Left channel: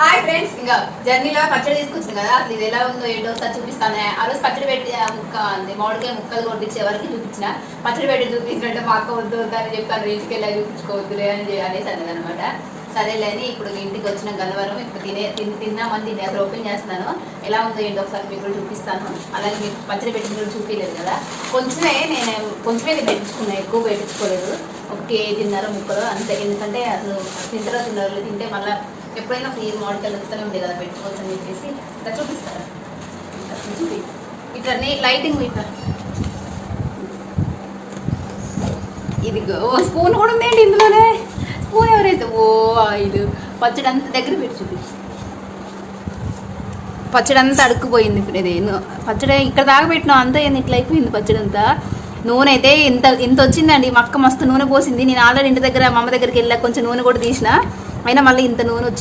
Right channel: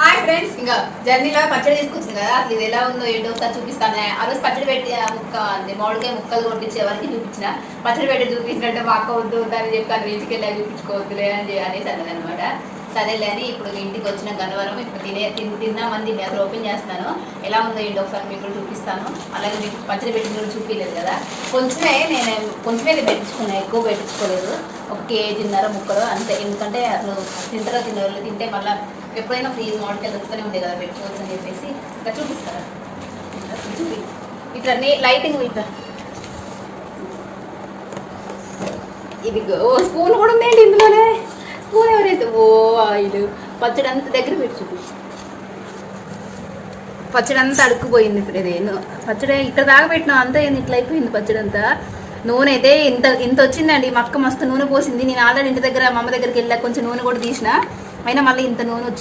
Hi friends, ఇంకా జర్నీలో పచ్చడి తీసుకొచ్చింది కదా, అసలు ఇది ఎలా ఉందో ఏంటో ఒకసారి చూపిస్తాను. ఆ రోజు పచ్చడి పెట్టి ముక్క అంటే మామిడికాయ ముక్కలు కొట్టించే వరకు చూపించిన. పచ్చడి పెట్టి చూపించినట్టే మా అక్క వద్దు వద్దని చెప్పి ఇంటికి వెళ్ళి చూపించుకోవద్దులే అనేసి అన్నది అనమాట. సరేలే అని ఇప్పుడు ఇంటికి వచ్చిన గన్నవరం ఇప్పుడు తిన్నామని అసలు ఓపెన్ చేస్తున్నాను. ఎలా ఉందో ఏంటో ఒకసారి మీకు కూడా చూపిస్తాను. అలాగే మీకు పచ్చడి పెట్టి కూడా చూపించలేదు కదా, కొంచెమే పెట్టించుకున్నాను, ఎక్కువ పెట్టించుకోలేదు. ఒక కేజీన్నర ముక్కలు అంతే. ఎందుకంటే అసలు తింటారో తింటే మళ్ళీ ఎప్పుడైనా ఫ్రీ మామిడికాయలు వస్తూనే ఉంటాయి కదా, పెట్టుకోవచ్చు అని చెప్పేసి ఇంకా చూపిస్తారా. చూపి ఇట్లా లైటింగ్ ఇట్లా ఇది స్పూన్ కూడా ఉందండి ఇందులోనే. స్పూన్ ఎవరైతే ఇది పచ్చడి అంతా దగ్గర పెట్టి చూపించు. పచ్చడి అంతా అడుక్కుపోయింది. ఇప్పుడు ఇది పచ్చడి ఇక్కడ దాకా పెట్టినాం అంతా ఇట్లా అయిపోయింది పచ్చడి అంతా. నూనె అయితే ఇంత వచ్చిందండి. మా అక్క మస్తు నూనె పోసింది. నేను ఆల్రెడీ ఇంటి దగ్గర మా అమ్మ దగ్గరికి వెళ్ళా, కొంచెం నూనె కూడా తీసిన, అయినా మళ్ళీ ఇంత నూనె వచ్చింది.